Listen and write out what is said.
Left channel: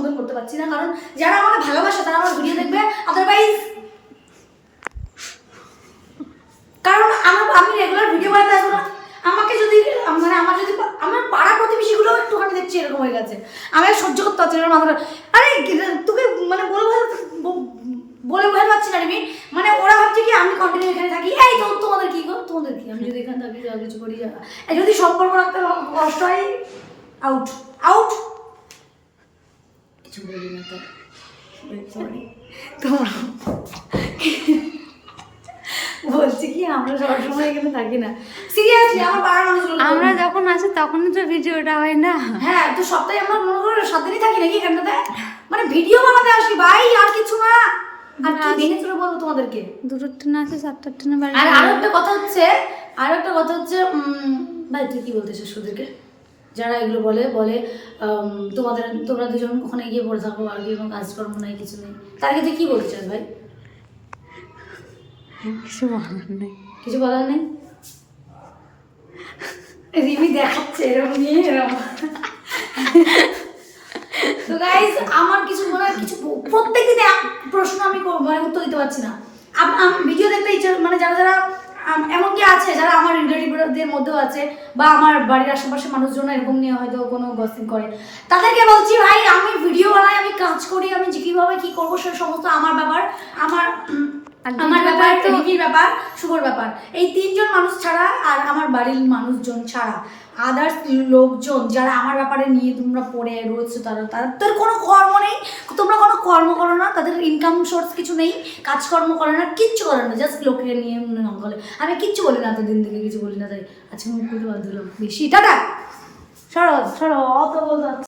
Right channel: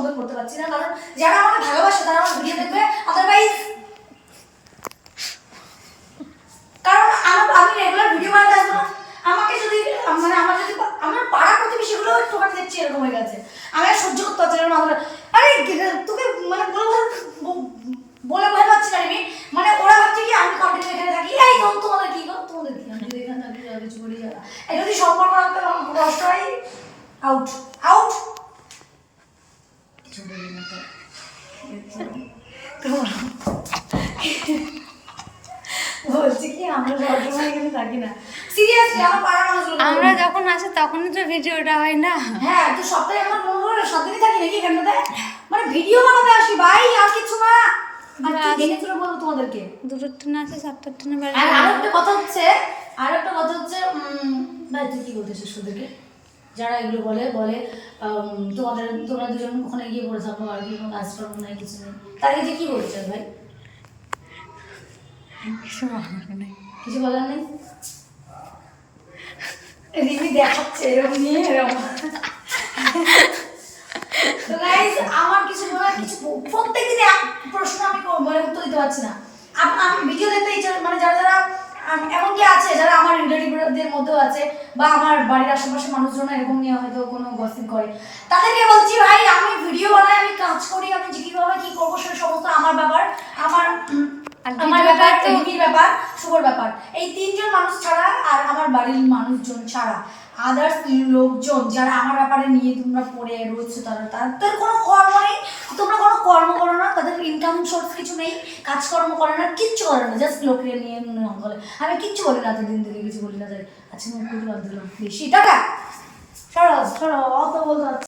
সম্বোধন করতে পারছি না। কারণ যারা আমাকে ভালোবাসে, তারা আমার ভিডিও দেখবে। আদারওয়াইজ কারণ আমার আমি রেগুলার ভিডিও বানাতে আসব না। আমাকে যদি মানে আমার যদি, আমার পাড়া প্রতিবেশীগুলো একটুখানি দেখছি, এরকম হয়ে গেছে। আমাকে সহ্য করতে মানে পারছি না মাথা আরে তোকে মানে বলব বলে ভয় পাচ্ছি না মানে ওরা ভাবছে কি, আমি কন্টিনিউ এখানে থাকি। এই তোমাদের কি করো তোমাদের কি? আমি যদি এখানে থাকি কিছু করি যদি সম্পর্ক রাখতে কষ্ট হয় আউট আউট কিছু বলি না তো বলছি কি আমরা সবসময় এখানে থাকি না। সিরিয়াসলি আমার পাড়া মানুষগুলো আমরা যখন আসি তখনই তো ভিডিওটা হয় না। হ্যাঁ তো সপ্তাহে আমার মনে করো সাত থাকি নাকি এখানটাতে? মানে ভিডিও বানাতে আসি ভাই আর কিছু না। আর কি ভেঙে চলে বলব তোমাদেরকে? দুটোর ট্রেন আছে ট্রেনে আর কথা হচ্ছে আরও একটা কথা হচ্ছে ভাই তুই কি বলতে চাস ওদেরকে? যারা এগুলো বলে বলে তোমাদের তোমরা দুজন ওখানে গিয়ে পড়ে থাকো আর কি কোনো কাজকর্ম নাই কিছু নেই। তাদেরকে তুই কি চাস ভাই? কিছু বলার নেই। কিছু বলার নেই? রিমি দেখাচ্ছে এরকম নিয়ে এরকম। তো গাইস আমার কিছু বলার কিছু প্রত্যেক দিনে প্রশ্ন আমি কো- মানে উত্তর দিতে পারছি না। আম- ভিডিও দেখতে ইচ্ছা মানে যারা যারা আম, এমনকি আছে যারা আমার আছে বা আমার বাড়ির আশেপাশে মানুষজন এরকম নিয়ে হয়তো কোনো গসিপ করে। তাদেরকে বলছি, ভাই, আমি ভিডিও বানাই, আমি কাজ করি, আমি যে কীভাবে কী করব, সে সমস্ত আমার ব্যাপার, আমার আমার ব্যাপার তো- রিমির ব্যাপার শুভর ব্যাপার। এই তিনজন মানুষ ছাড়া আর আমার বাড়ির মানুষজন ছাড়া আদার্স লোকজন যারা আমার ব্যাপারে নিয়ে তোমরা পড়ে রয়েছো তারা তাদের কোনো কর্ম নেই। তোমরা কোনো কর্ম করো না তাদের ইনকাম সোর্স কিছু নেই কাজকর্ম করে না কিচ্ছু করে না জাস্ট লোকের নিয়ে বলে আমি কিচ্ছু বলি না এতদিন থেকে কিছু বলি না তাই আচ্ছা মুখ বেশি টাটা! সরো সরো অত বলতে